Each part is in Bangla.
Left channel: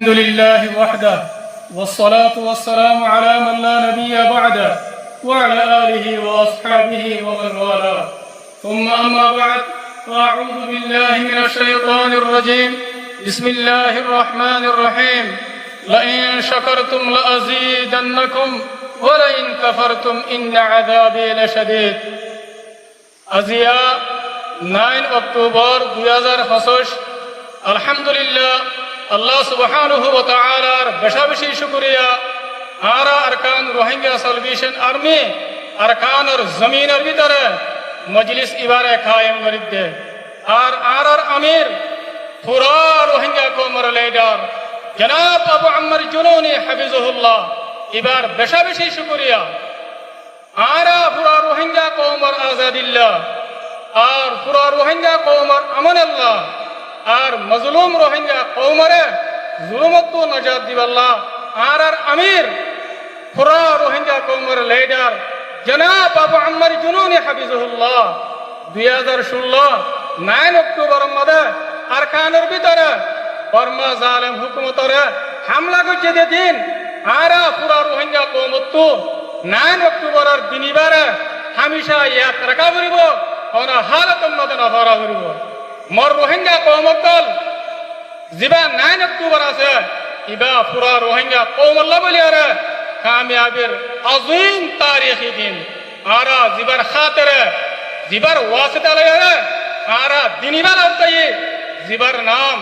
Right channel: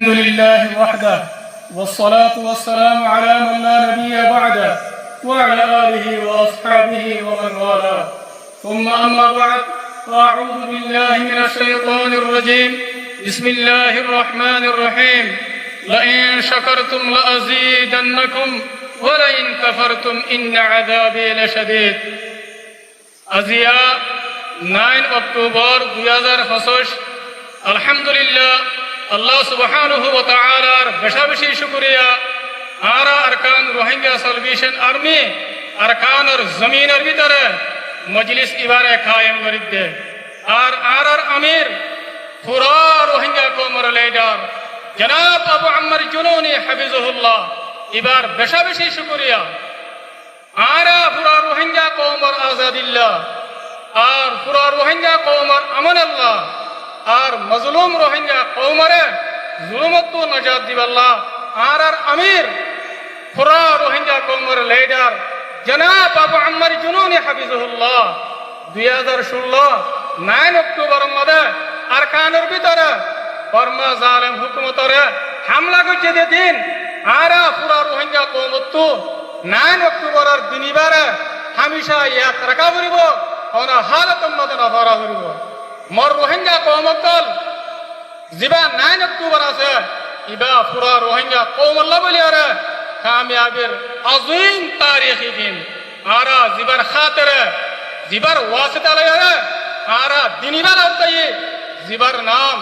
الحمد لله وحده والصلاة والسلام على من لا نبي بعده وعلى آله وأصحابه ومن والاه ثم أما بعد فأعوذ بالله من الشيطان الرجيم بسم الله الرحمن الرحيم لئن شكرتم لأزيدنكم ولئن كفرتم إن عذابي لشديد আজিয়া 9 অক্টোবর 2025 আলহামদুলিল্লাহ আল্লাহ সুবহানাহু ওয়া তাআলার বেশি শুকরিয়া আরা আরকান রোহিঙ্গা সালভেশন আর্মি আরকানের জমিনের ভিতরে মজলিস ইবারে কায়েম করিতে আর আরার আমির পুরা রোহিঙ্গা কওমের লিডার জনাব আবু আম্মার জুনুনি হাফিজাহুল্লাহ এবার বেশি শুকরিয়া আরা পুরা রোহিঙ্গা কওমের আজাদিল্লাহ আর পুরা রোহিঙ্গা কওমের আমানাল্লাহ আর মজলুম রোহিঙ্গা কওমরে জুলুমত নাজাত দিবাল্লাহ আর আমির পুরা রোহিঙ্গা কওমের লিডার জনাব আবু আম্মার জুনুনি হাফিজাহুল্লাহ 2016 9 অক্টোবর মধ্যে আরকানের ভিতরে বর্মা জালেম হুকুমতরে হামলা করছে দিন আরা পুরা রোহিঙ্গা কওমত 9 অক্টোবরের দিনিবারে হামেশা ইয়াদ রাখা করিব কোন হালাতের মধ্যে নফরা করিব মর রোহিঙ্গা কওমকল জিবা 9 অক্টোবর আছে ইবা পুরা রোহিঙ্গা কওমল্লা বলি আরে কামিয়াবের আযীম তারিখি দিন আরা জিবার খাতিরে জিবার ওয়াসিতা লয়ে আরা দিনিবার আওতায়ে জিবার নাম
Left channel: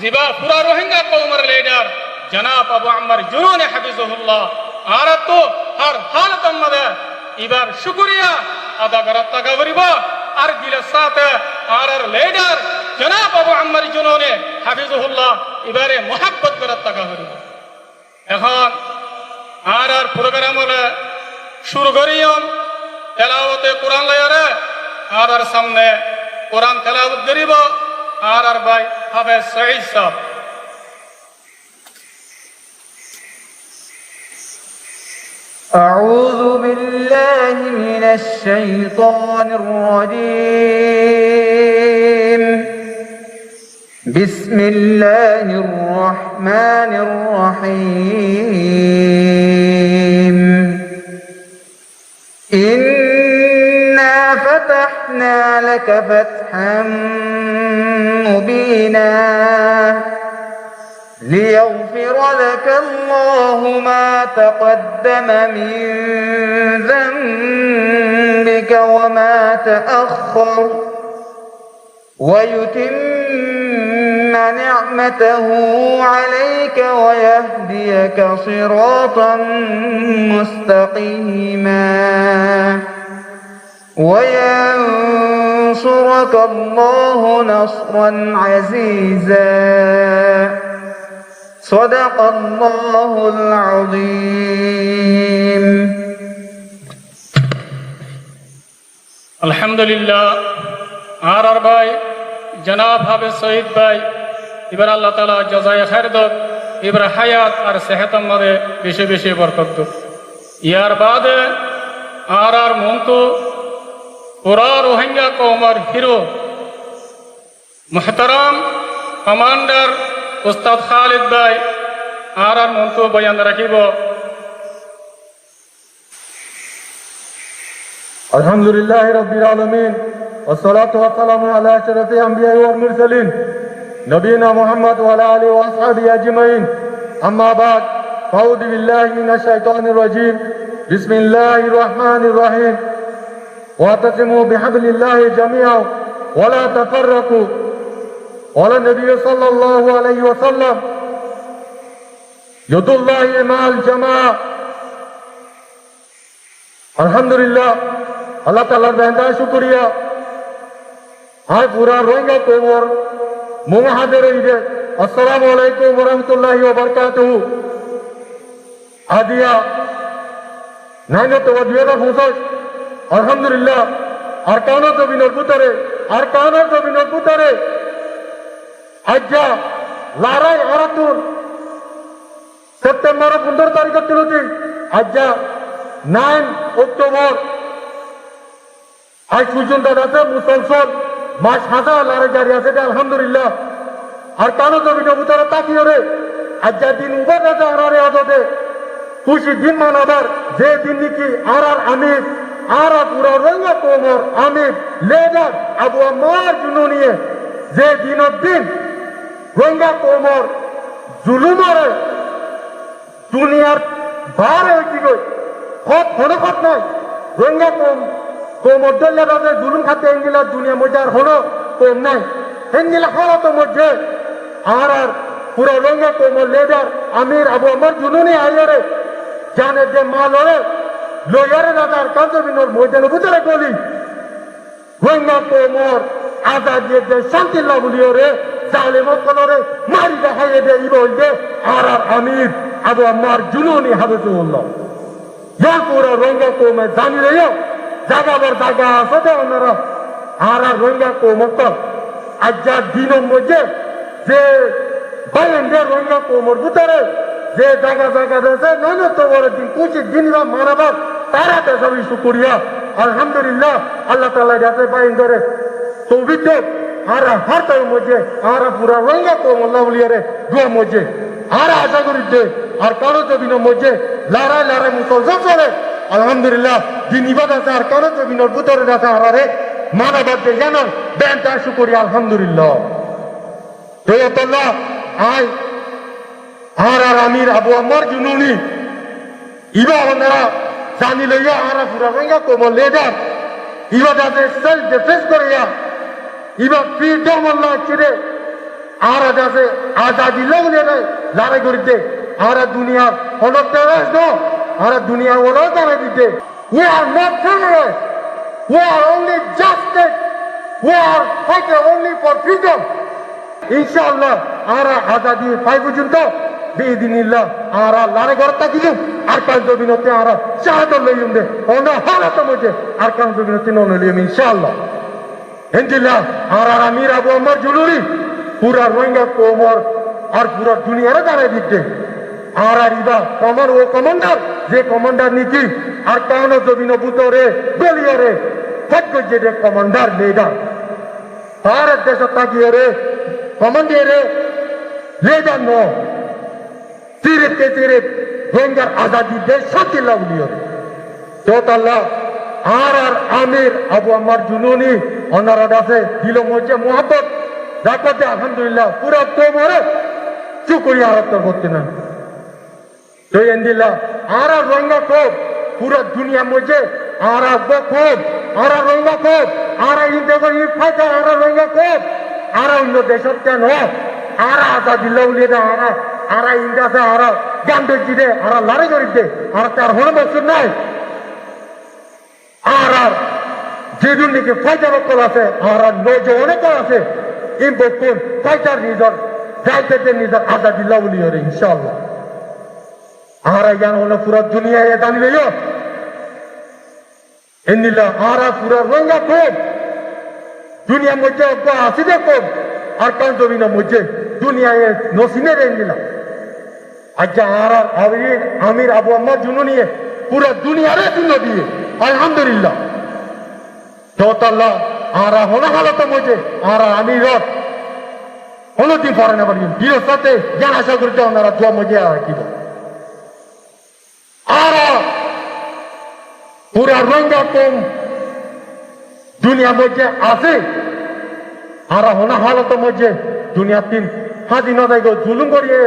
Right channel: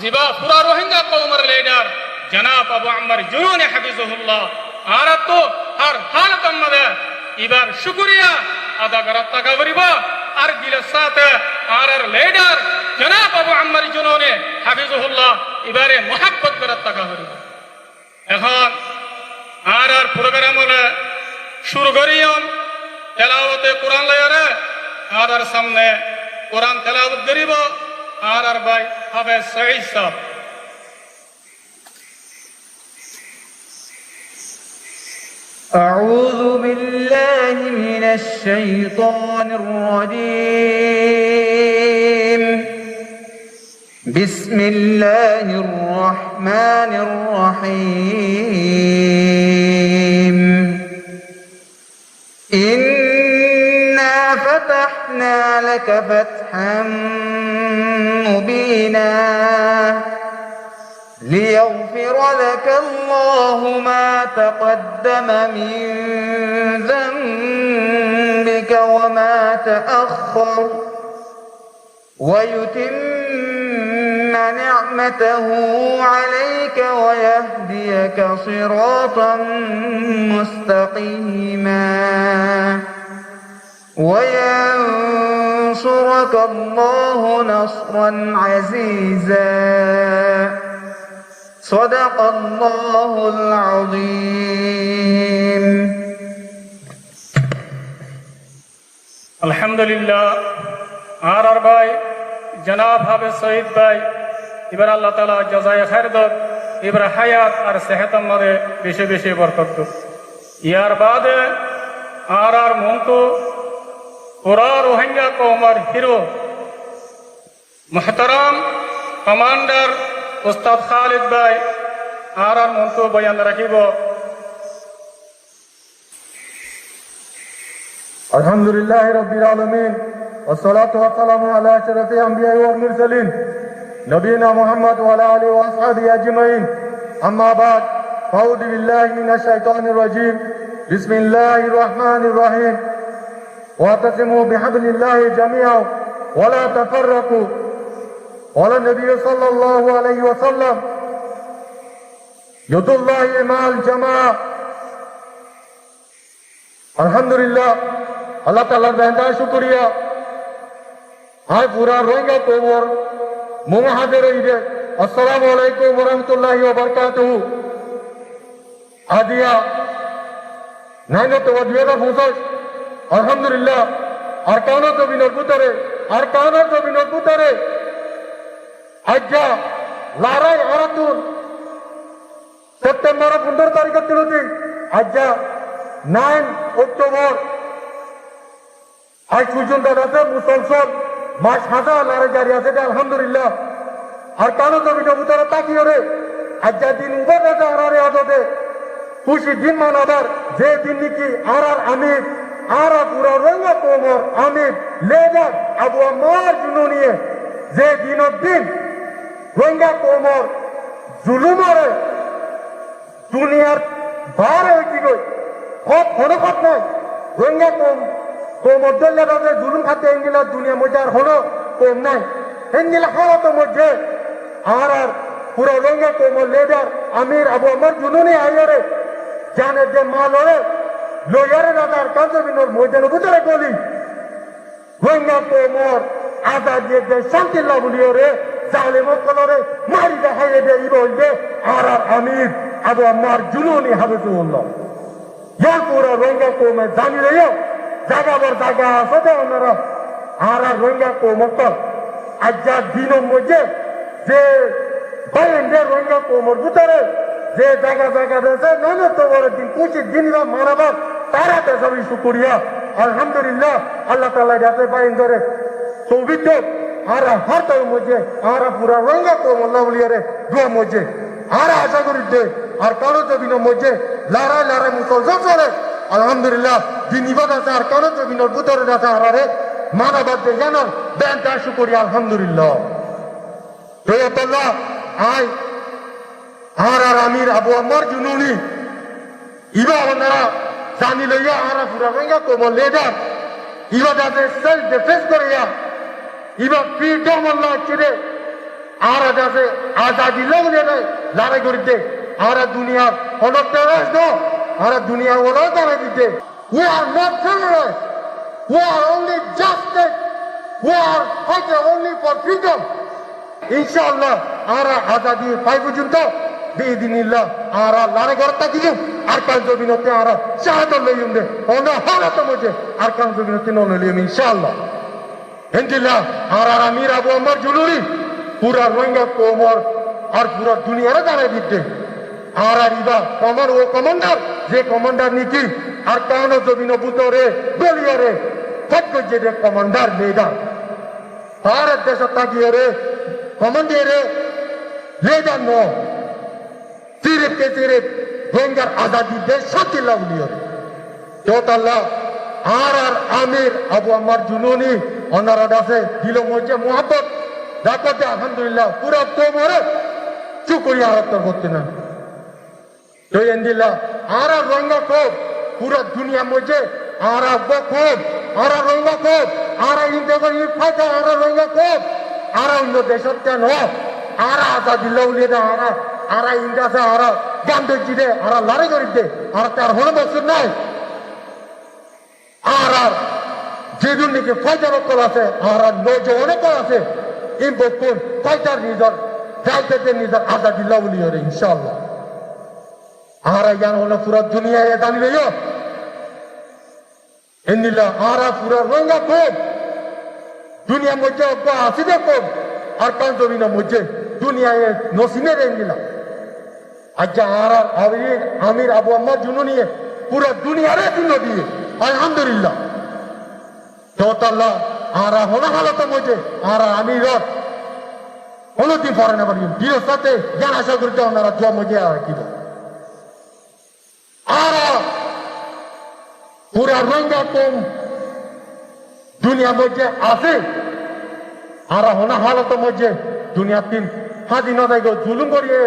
জিবা পুরা রোহিঙ্গা কওমের লিডার জনাব আবু আম্মার জুনুনি হাফিজাহুল্লাহ আরা তো হর হালাতের মধ্যে এবার শুকরিয়া আদা করার টাকা করিব আর দিলের সাথে আর লিডার জনাব আবু আম্মার জুনুনি হাফিজাহুল্লাহ এবারে মোহাব্বত করার টাকা করিব এখন আর প্রোগ্রাম হলে শুরু করিয়ম তেলাওয়াতে কোরআন লয়ারে আর সামনে কোরআন তেলাওয়াত করিব আর ভাই হাফেজ সঈদ সাহেব أعوذ بالله من الشيطان الرجيم بسم الله الرحمن الرحيم إنا فتحنا لك فتحا مبينا ليغفر لك الله ما تقدم من ذنبك وما تأخر ويتم نعمته عليك ويهديك صراطا مستقيما وينصرك الله نصرا عزيزا صدق الله العظيم আলহামদুলিল্লাহ আর ভাই জনাব হাফেজ সঈদ ভাই এবার আল্লাহ তাআলা জাযায়ে খায়ের দাও এবার হায়াত আর সেহতের মধ্যে বেশি বরকত দাও ইয়ার বাদে আর মন্তু পুরা রোহিঙ্গা কওমের হিরো মুহতারাম কমান্ডার উস্তাদ খালিদ ভাই আর মন্তু বয়ান রাখিব আলহামদুলিল্লাহ রাব্বিল আলামিন والصلاه والسلام على اشرف الانبياء والمرسلين نبينا محمد وعلى اله واصحابه اجمعين اما بعد اعوذ بالله من الشيطان الرجيم بسم الله الرحمن الرحيم واعتصموا بحبل الله جميعا ولا تفرقوا قال النبي صلى الله عليه وسلم يد الله مع الجماعه الحمد لله আল্লাহ তাআলার বেহেশত শুকরিয়া আর পুরা রোহিঙ্গা কওমের মুহাজির ঈদে আসসালামু আলাইকুম ওয়া রাহমাতুল্লাহি ওয়া বারাকাতুহু আদিয়া 9 অক্টোবর 2025 আলহামদুলিল্লাহ আরকানের জমিনের ভিতরে আজ্জা লড়াই আরতুর সেপ্টেম্বর 15 তারিখ তুলছি আজ্জা 9 অক্টোবর আজ পর্যন্ত আছে মুসলসল মাস হাজার লড়াই জারি আছে আলহামদুলিল্লাহ আর কারো জমিনের ভিতরে তাকিয়ে আজকে দিন উবার আছে আরারে আদতে খুশি দিন মানাবার যে দিন নাকি আর আমির আর পুরা রঙ্গা কোমর আমির লেদার আবু আমার জন্য নিয়ে যে দিনের দিন রঙ্গা কোমর জুলুমারে দুনিয়ার ভার হয়েছি গো হনকত নয় রঙ্গা কোমর দলে রাজে জুলুম খাতে এঙ্গিলা দুনিয়া মধ্যে আর হলো কম নাই এঙ্গিলা হলো তো মধ্যে আর পুরা রঙ্গা কোমর লেদার আমির আবু আমার জুনুনি আইয়ারে জানে যে মালরে লয়ারে রাজার কান্তবিনোর ময়দানে ভিতরে গলি রঙ্গা কোমর আজাদ যে শান্তি লাগুলিও রে জালেমত কলরে মারি দেখাইয়ে দে ইবল দে আর আমির আবু আমার জুনুনি হাবিবুল্লাহ ইয়া পুরা রঙ্গা কোমে জানি রে জাগাবার জায়গা আছে তো ওনারা আর রঙ্গা কোমক আজ্জা দিনের মধ্যে যে বাইরের রঙ্গা কোমর ভিতরে যে জায়গা জায়গা রয়েছে নয় তো বড় দিন কুচির দিন বা মানাবার তারা তো সবই শুকরিয়া আলহামদুলিল্লাহ আল্লাহ তাআলা যাতে বাইন ধরে সৌভিত আর হাতের মধ্যে আর পুরা রঙ্গা কোমর লাউলিয়ারে গুয়া মধ্যে আর আশা করি যে আর কারো জমিনের মধ্যে লড়াই লড়াই মুসলমান চলে আলহামদুলিল্লাহ দিন ইবাদত আর কারো জমিনের ভিতরে আছে আরে মানাবার যে জানান বেন তার শুকরিয়া আলহামদুলিল্লাহ আল্লাহ আয় আর আমির আবু আমার জুনুনি ইবা ওনারা জানি লইয়া আর পুরা রঙ্গা কোমর লেদার ইবা যাতে সেলফ ডিফেন্স করিয়া ইবা ফ্রিডম আল্লাহ ছেড়ে আর যাতে আজাদি লগ্নে লড়াই করিতে আর দুনিয়ার হলক দেওয়া আর দুনিয়া ওরাও দাঁড়াই দিতে we are not terrorists we are only justice we are fighting only for freedom ইনশাআল্লাহ আর আজাদি পাই পর্যন্ত বিদিনিল্লাহ আর লড়াই করতে দিলুম আর কাল জমিনতে আর শাহাদত লইলুম দে ওনা হালত মধ্যে আর কাল জমিনতে নলিম ইনশাআল্লাহ ইনশাআল্লাহ আর আমির আবু আমার জুলুরি পুরা রঙ্গা কোমর আর পুরা দুনিয়ারে দাঁড়াই দিতে আর ইবা কমর ও কমান্ডার যে কমান্ডার নিকি আর কাউন জমিন বুতরে গলিয়ারে ফট যে কমান্ডার লিডার ভারত দেশ তাকিয়ে রে কমান্ডারে লিডার নো সিরিপ কে সিরিপ রঙ্গার আজাদি দেশ শান্তি লাউলিও তো আল্লাহ আর আমির আবু আমার জুনুনি ওনারা আছে দিল মধ্যে মোহাম্মত রাখতে আলহামদুলিল্লাহ পুরো কোমরে চুকরিয়া হত্যা করতে না তো এন্দিল্লাহ আর রঙ্গা কোপ পুরো দুনিয়া মধ্যে আর কোপ আর রঙ্গা কোপ আর ইন্ডিয়া ফাইটা আর রঙ্গা কোপ আর অন্য দেশত কেন আর আজাদি লাউলিয়ে দে আর ইন্ডিয়াতে আর গান্ধী দে আর লড়াই করিতে আর তার হল বছর নাই আর যেদিন নাকি ফাইটার কল আছে আর নজওয়ানে কল আছে এই বকুন ফাইটার নিজর যাইতে নিজর আজাদি লাউলিয়ে রে ইনশাআল্লাহ আর জ্ঞান হলো পুরো দুনিয়ায় জানিলে এনিলা আর পুরো রঙ্গা কোপ দুনিয়ার মধ্যে আছে যে কোপ আর কান জমিনের মধ্যে দুনিয়ায় নসিমে এনিলা আচ্ছা আর আমির আবু আমার জুনুনি পুরো দুনিয়ারে দিন দিয়ে আলহামদুলিল্লাহ তো আল্লাহ আর হলো হালতের মধ্যে আর আমির কোনদিন পরে না পারি দিল সাথে জ্ঞান আশা করতে ওনারা জোয়া মধ্যে আর কি আর পুরা রঙ্গা কম দুনিয়ার মধ্যে আছে আর হনা হালতের মধ্যে দুনিয়ার তিন স্বাধীনতা জুলুম করিয়ে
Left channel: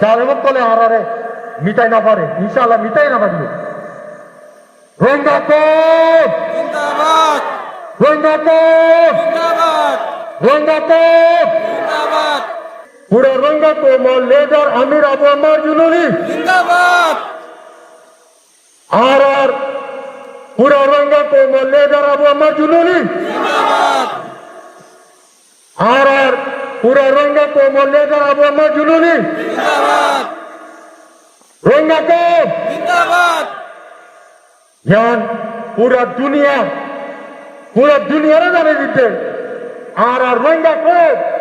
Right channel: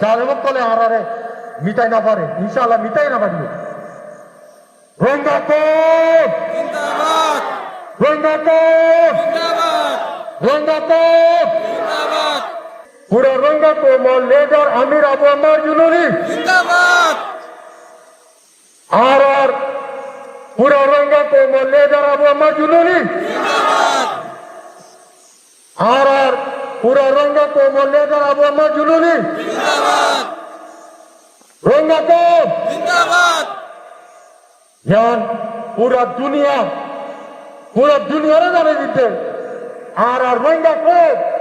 জালেমত কলে আর মিটাই না পারে ইনশাআল্লাহ মিটাই না পারবে রঙ্গা কম রঙ্গা কম রঙ্গা কম পুরা রঙ্গা কম লেদার আমির আবু আমার জুনুনি আর পুরা রঙ্গা কম লেদার আবু আমার জুনুনি আর পুরা রঙ্গা কম লেদার আবু আমার জুনুনি রঙ্গা কম জ্ঞান পুরা দুনিয়ারে জানে দিতে আর রঙ্গা কম